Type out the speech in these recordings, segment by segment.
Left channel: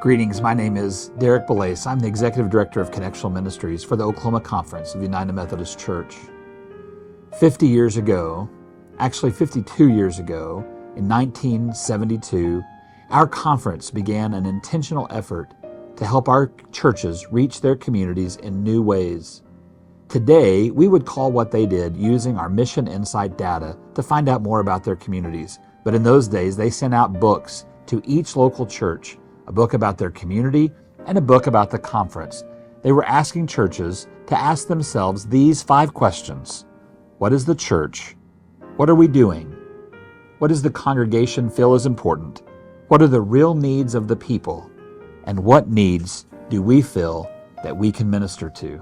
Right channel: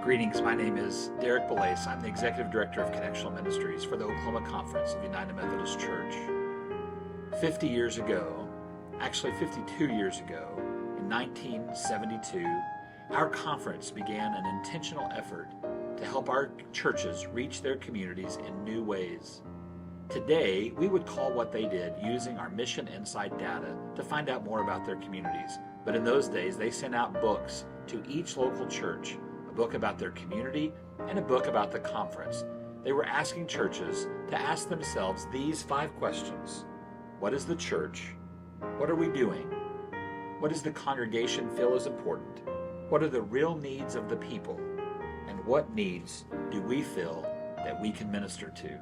Greetings, my name is Derrek Belase. I'm the Executive Director of Connectional Ministries for the Oklahoma Conference of the United Methodist Church. 50 years ago, actually 52 years ago, in 1972, our conference began an intentional effort to help our churches reach their communities in new ways. Today, we would call what they did using our mission insight data to find out more about their communities. But in those days, they sent out books to each local church, a book about their community and a book about the conference. They were asking churches to ask themselves these 5 questions. What is the church? What are we doing? What does the congregation feel is important? What are the real needs of the people? And what needs do we feel that we can minister to?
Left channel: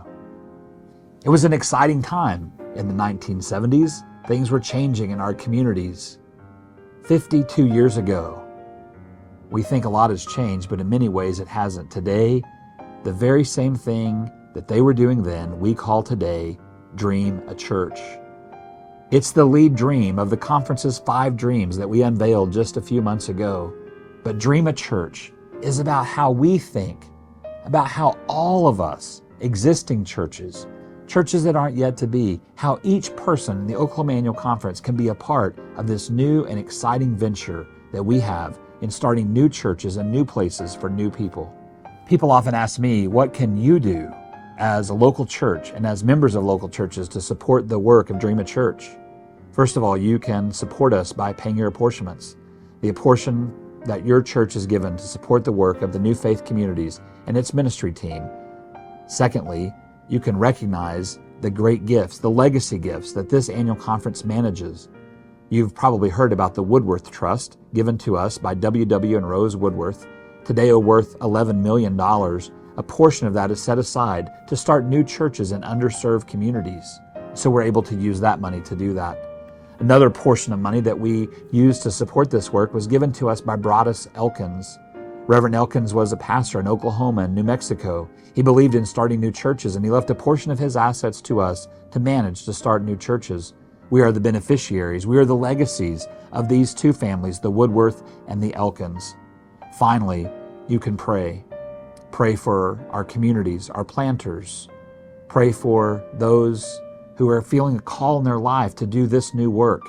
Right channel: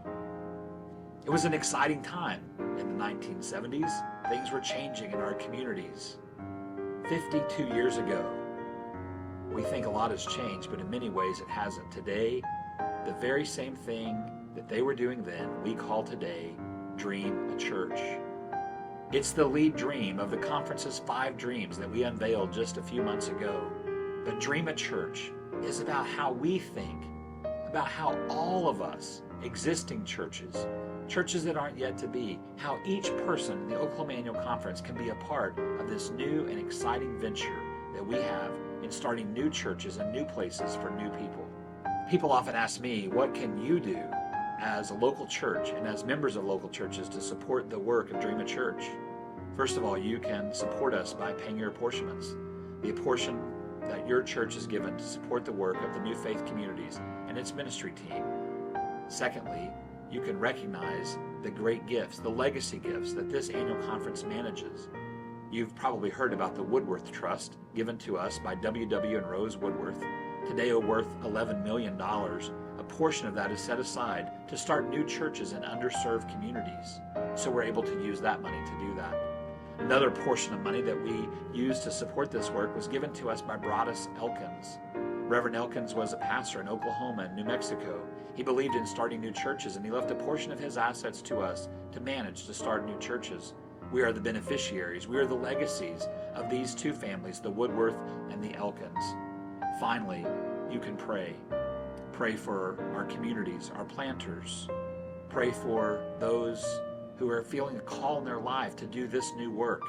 It was an exciting time in the 1970s. Things were changing in our communities. 52 years ago, we think a lot has changed, but in many ways it hasn't. Today, the very same thing that they were doing then, we call today DreamAChurch. It's the lead dream of the conference's 5 dreams that we unveiled just a few months ago. But DreamAChurch is about how we think, about how all of us, existing churches that aren't yet to be, how each person in the Oklahoma Annual Conference can be a part of this new and exciting venture that we have in starting new churches and new places for new people. People often ask me, what can you do as a local church and as members of local churches to support the work of DreamAChurch? First of all, you can support us by paying your apportionments. The apportion that your church is given to support the work of the New Faith Communities and its ministry team. Secondly, you can recognize the great gifts, the legacy gifts that this annual conference manages. You've probably heard about the Woodworth Trust, given to us by W.W. and Rose Woodworth, today worth $11 million. A portion of that is set aside to start new churches in underserved communities. So we're able to use that money to do that. Another portion of money that we used to support this work was given to us by Broadus Elkins. Reverend Elkins was a pastor in Oklahoma and New Mexico. He believed in starting new churches, and he left a portion of his assets to us to manage to start new churches. We are the beneficiaries. We are the legacies of these 2 families, the Woodworth and the Elkins. Finally, you can pray. Pray for our communities, our planters. Pray for those who are feeling a call in their life to do this new work.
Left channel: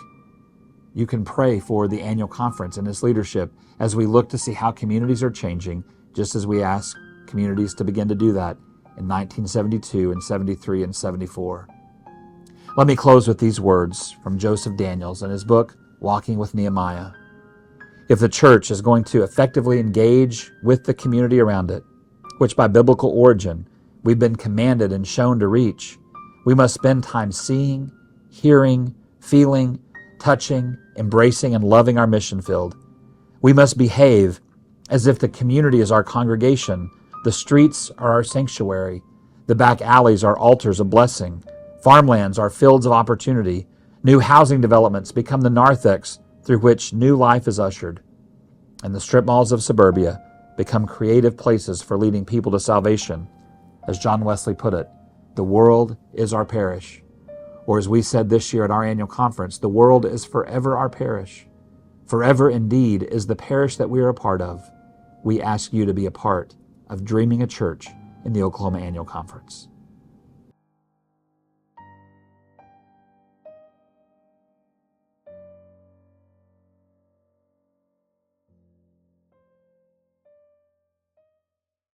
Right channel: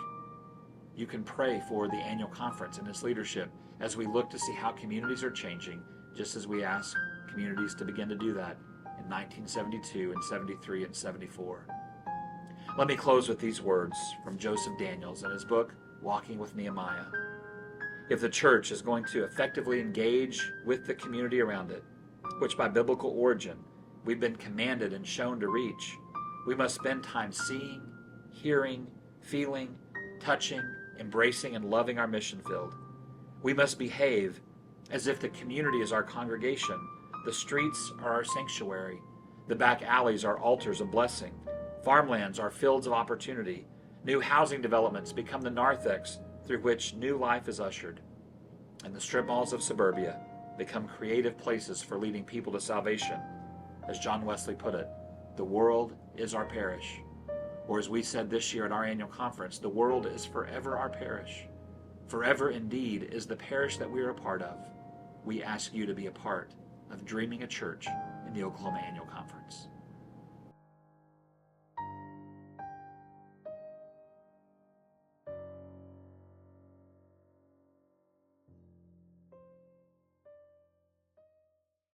You can pray for the annual conference and its leadership as we look to see how communities are changing, just as we asked communities to begin to do that in 1972 and 73 and 74. Let me close with these words from Joseph Daniels in his book, Walking with Nehemiah. If the church is going to effectively engage with the community around it, which by biblical origin we've been commanded and shown to reach, we must spend time seeing, hearing, feeling, touching, embracing, and loving our mission field. We must behave as if the community is our congregation, the streets are our sanctuary, the back alleys are altars of blessing, farmlands are fields of opportunity, new housing developments become the narthex through which new life is ushered, and the strip malls of suburbia become creative places for leading people to salvation. As John Wesley put it, the world is our parish. Or as we said this year at our annual conference, the world is forever our parish. Forever indeed is the parish that we are a part of. We ask you to be a part of DreamAChurch in the Oklahoma Annual Conference.